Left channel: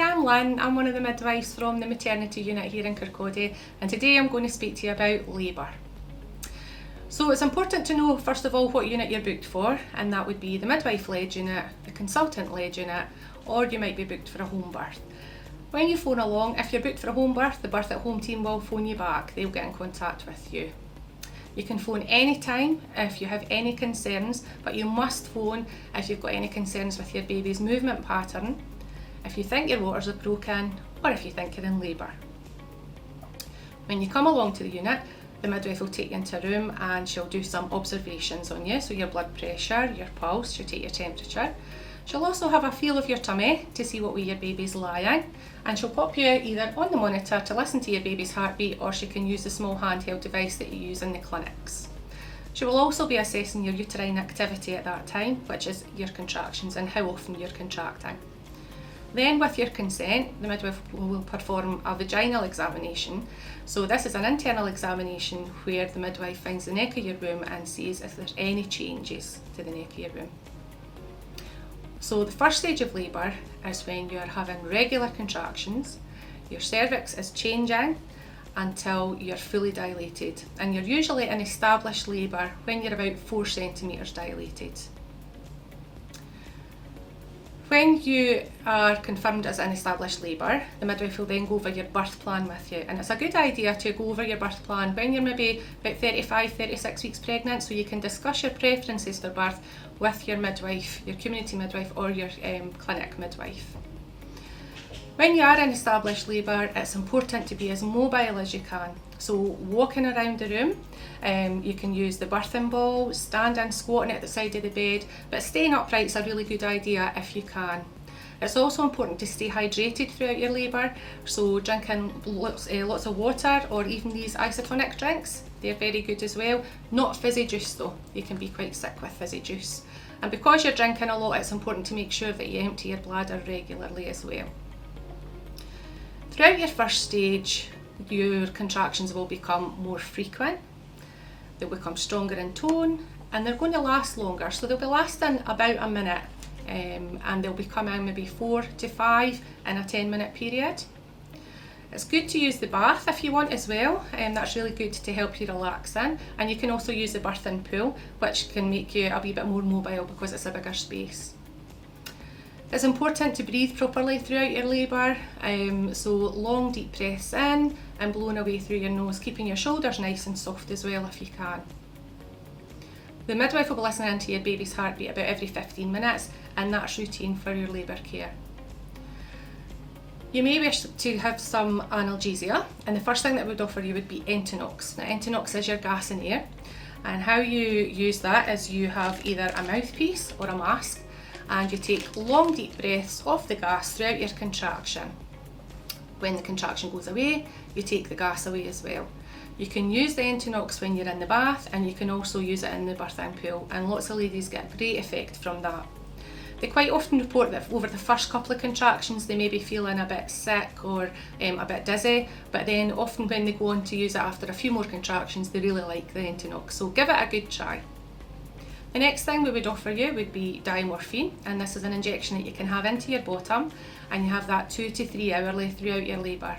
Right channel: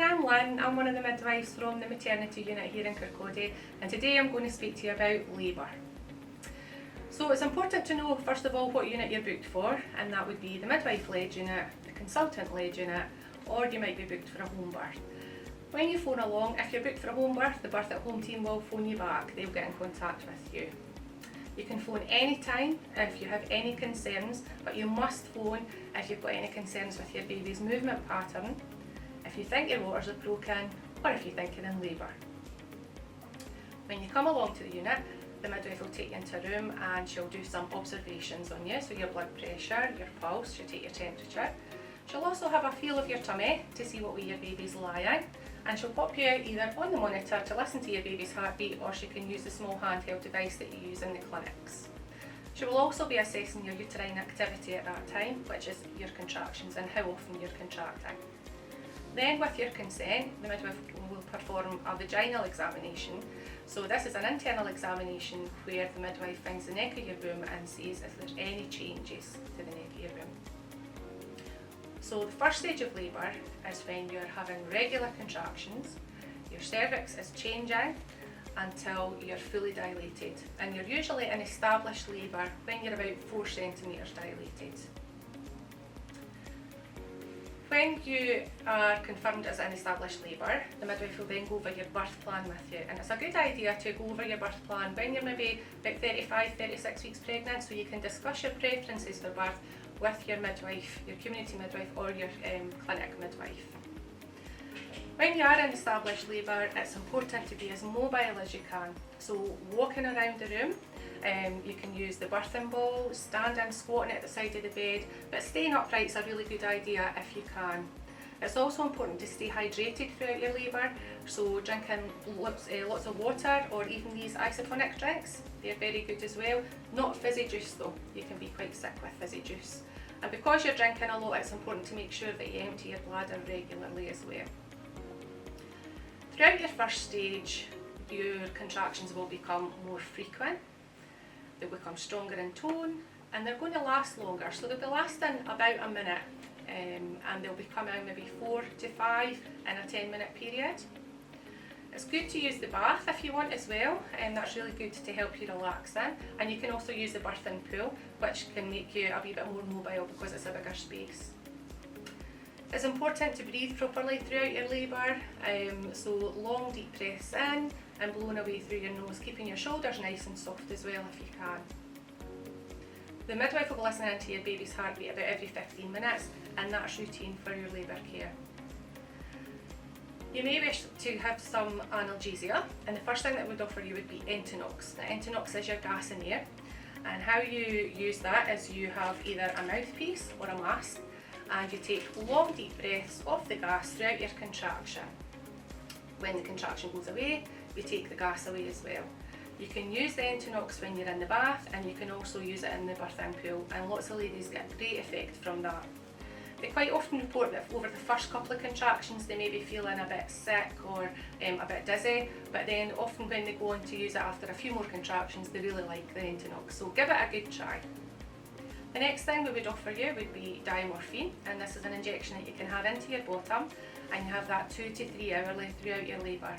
I'm Lynn, I'm one of the midwives from the maternity unit here in Kirkcaldy, and today I'm going to speak to you about labour. So it's important to know first of all what unit you're booked for, and that would be the midwife-led unit, the consultant-led unit, or you might be booked for a home birth. When you phone along, if you're booked for a home birth, the birth at home team will phone you back, they'll get in contact with you. You can phone anytime if you have any concerns, but you must phone if you've got any concerns with your baby's movement pattern, if you think your waters are broken, or if you think you're in labour. When you come along to the unit, the midwife will take you into a room and she'll do some observations on you, so your blood pressure, your pulse, she'll take your temperature. She'll also have a feel of your tummy to see what way your baby's lying, and she'll pop you either on the monitor to listen to your baby's heartbeat, or she can use the small handheld device that you use in the clinics. She will also be assessing your uterine activity at that time, which is your contractions and how often you're contracting. Then, with your consent, the midwife will perform a vaginal examination. So this is an internal examination where the midwife finds the neck of your womb and sees if there's any changes to the neck of your womb. So the first stage of labour is when you're having regular contractions, your cervix is changing until you're fully dilated, and you're usually in established labour when you're about 4 centimetres dilated. When you are confirmed as in established labour, the midwife will then go over your birth plan with you, and it's a good idea to go over your birth plan when you're maybe about 35-36 weeks pregnant, so you can discuss your preferences for birth with your midwife, your community midwife, or your clinic midwife. When you are in established labour, it's important to be as mobile as you can. So walking around the room, you can use the birthing ball, standing, squatting at the side of the bed, but staying upright is a really good idea if you can. It's also important to stay hydrated throughout your labour, so drinking lots of water, or even these isotonic drinks, they're very good as well. Not fizzy juice though, you can be quite sick with fizzy juice. And because you're drinking a lot, it's important to make sure that you empty your bladder regularly as well. Throughout your first stage, your contractions will become more frequent, they'll become stronger in tone, and they're going to last longer. So they'll be lasting about a minute, and they'll be coming maybe 4 to 5 in a 10-minute period. It's good to use the bath if you want as well, that's really good to help you relax in, and you can also use the birthing pool, which can make you a wee bit more mobile because it's a bigger space. It's important to breathe properly throughout your labour, so long deep breaths in and blowing away through your nose, keeping your shoulders nice and soft as well if you can. The midwife will be listening to your baby's heartbeat about every 15 minutes, and that's routine for your labour care. You may wish to have some analgesia, and the first thing that we'd offer you would be Entonox. Now, Entonox is your gas and air, and how you use that is you have either a mouthpiece or a mask, and you take long deep breaths of the gas throughout your contraction. When the contraction goes away, you take the gas away as well. You can use the Entonox when you're in the bath, and you can also use it in the birthing pool, and lots of ladies get great effect from that. They quite often report that over the first couple of contractions they may be feeling a bit sick or a bit dizzy, but then often when they go on to use it after a few more contractions, they really like the Entonox, so give it a good try. The next thing we would offer you would be diamorphine, and this is an injection that you can have into your bottom, and you have that 2 to 3 hourly throughout your labour.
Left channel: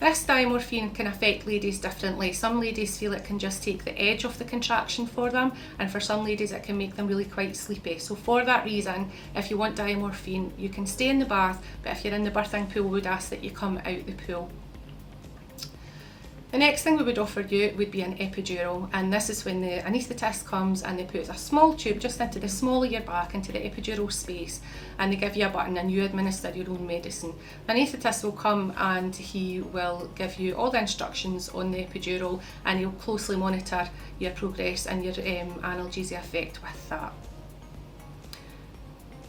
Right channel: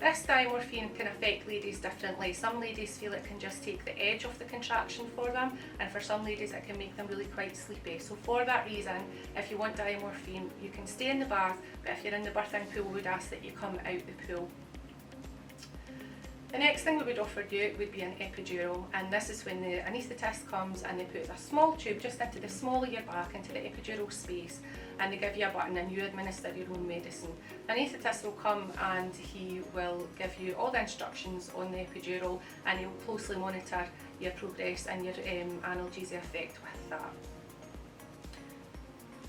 This diamorphine can affect ladies differently. Some ladies feel it can just take the edge off the contraction for them, and for some ladies it can make them really quite sleepy. So for that reason, if you want diamorphine, you can stay in the bath, but if you're in the birthing pool, we would ask that you come out the pool. The next thing we would offer you would be an epidural, and this is when the anaesthetist comes and they put a small tube just into the small of your back, into the epidural space, and they give you a button and you administer your own medicine. The anaesthetist will come and he will give you all the instructions on the epidural, and he'll closely monitor your progress and your analgesia effect with that.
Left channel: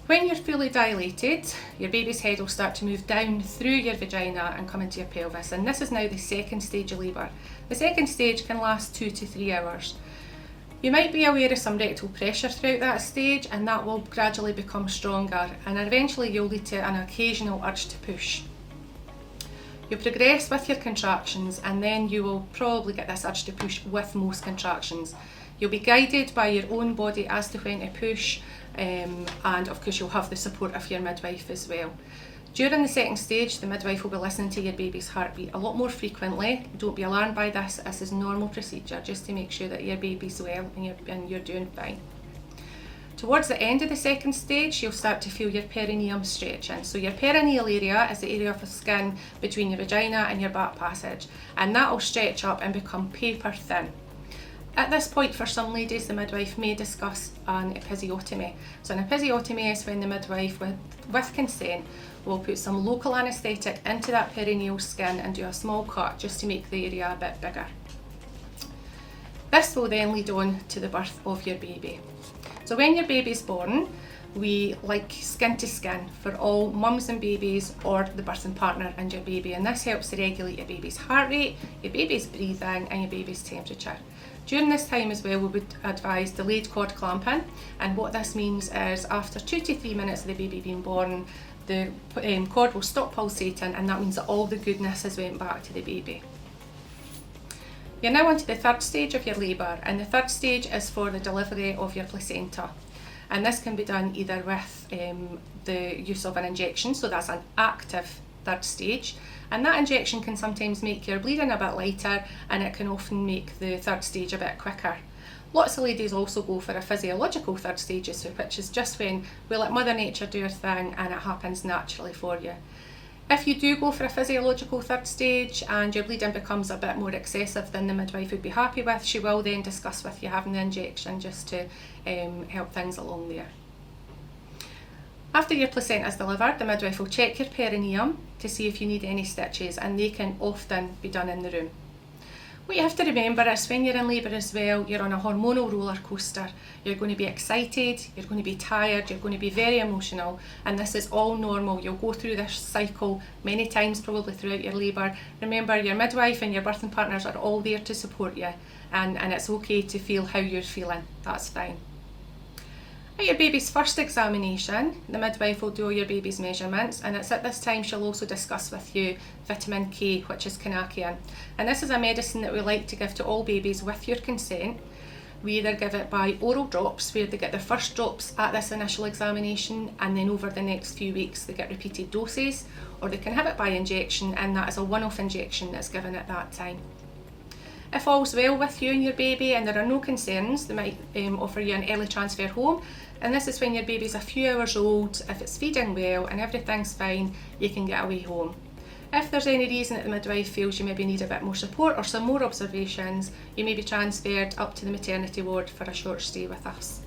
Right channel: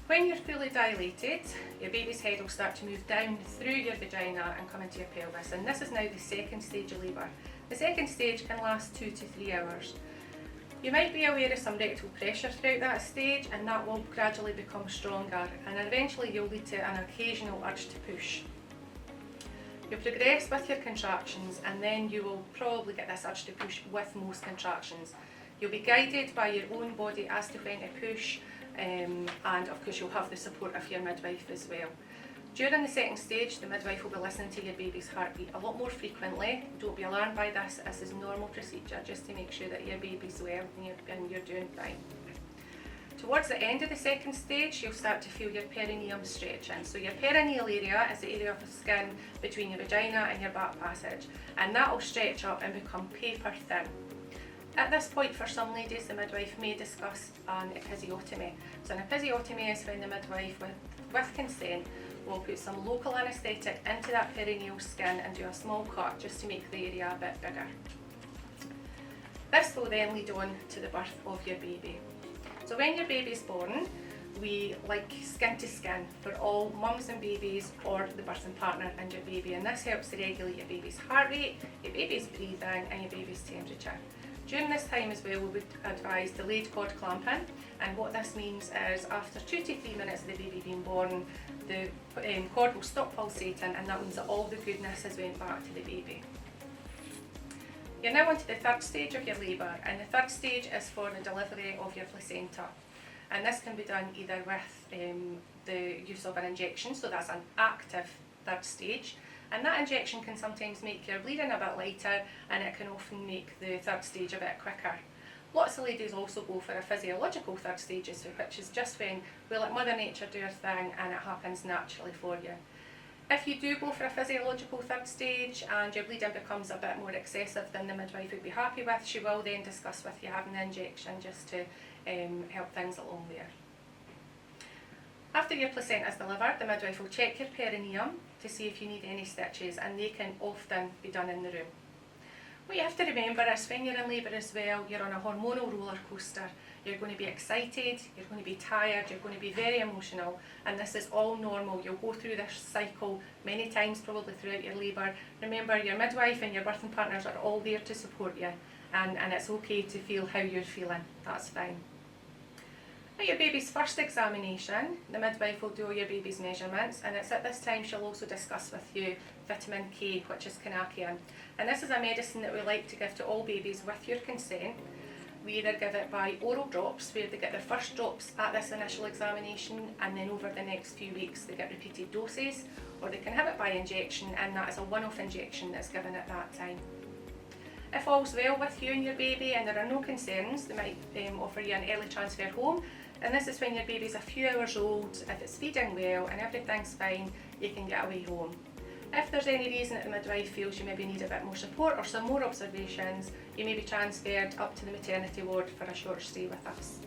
When you're fully dilated, your baby's head will start to move down through your vagina and come into your pelvis, and this is now the second stage of labour. The second stage can last 2 to 3 hours. You might be aware of some rectal pressure throughout that stage, and that will gradually become stronger, and eventually you'll lead to an occasional urge to push. You'll progress with your contractions, and then you will probably get this urge to push with most contractions. You'll be guided by your own body as to when to push, and of course you'll have the support of your midwife as well. During the second stage, the midwife will be listening to your baby's heartbeat a lot more frequently. Don't be alarmed by this. This is a normal procedure just to make sure that your baby's well and you're doing fine. Towards the end of the second stage, you'll start to feel your perineum stretching. So your perineal area is the area of the skin between your vagina and your back passage, and that will stretch up and become paper thin. At this point, for some ladies, the midwife may discuss an episiotomy. So an episiotomy is when the midwife, with consent, will put some local anaesthetic into that perineal skin and do a small cut just to make the area a bit bigger. This will then lead on to the birth of your baby. So when your baby's born, we like skin to skin for all mums and babies or the birthing partner and your baby, and this helps to regulate your baby's heart rate, your baby's breathing and your baby's temperature. During this time as well, we would advise delayed cord clamping, and what this means is after 2 to 3 minutes of the baby being born, the cord will stop pulsating, and that means that all the goodness has went back to the baby. You're now on to the third stage of your labour, and the third stage is for the delivery of your placenta. And this can be done either with the use of an injection, so that's an active third stage, and that injection can sometimes make your bleeding a bit lighter, and it can often make the third stage a bit quicker. Lots of ladies also go for a physiological third stage, which is just when we let Mother Nature do her thing and it happens naturally for you. If you do go for a physiological third stage and your bleeding becomes a bit more excessive than the midwife would be happy with, she will then discuss with you having the injection just to help things along there. After your placenta is delivered, the midwife will check your perineum to see if you need any stitches, and they can often be done in the room. What you have to remember is when you're in labour as well, you're on a hormonal roller coaster. You're going to be excited, you're going to be tired, you're going to be very emotional, and this is all normal. You'll go through this cycle many times probably throughout your labour. Remember, your midwife and your birthing partners are all there to support you, and it's okay to feel how you're feeling. That's fine. At your baby's first examination, the midwife will do all your baby's measurements, and it's at this time she'll also discuss with you vitamin K, which is quinaciin. And this is a medicine that we like to give to all babies with your consent. We either give it by oral drops, where they get their first drops at this initial examination, and then over the next few weeks they get repeated doses, or they can have it by injection, and that is a one-off injection that's given at that time. If all's well with you and your baby and there are no concerns, they might offer you an early transfer home, and this is when your baby's a few hours old. If it's feeding well and everything's fine, you can get away home. If there's any reason that the midwife feels you maybe need a bit more support or some more observations, you may be transferred up to the maternity ward for a short stay with us.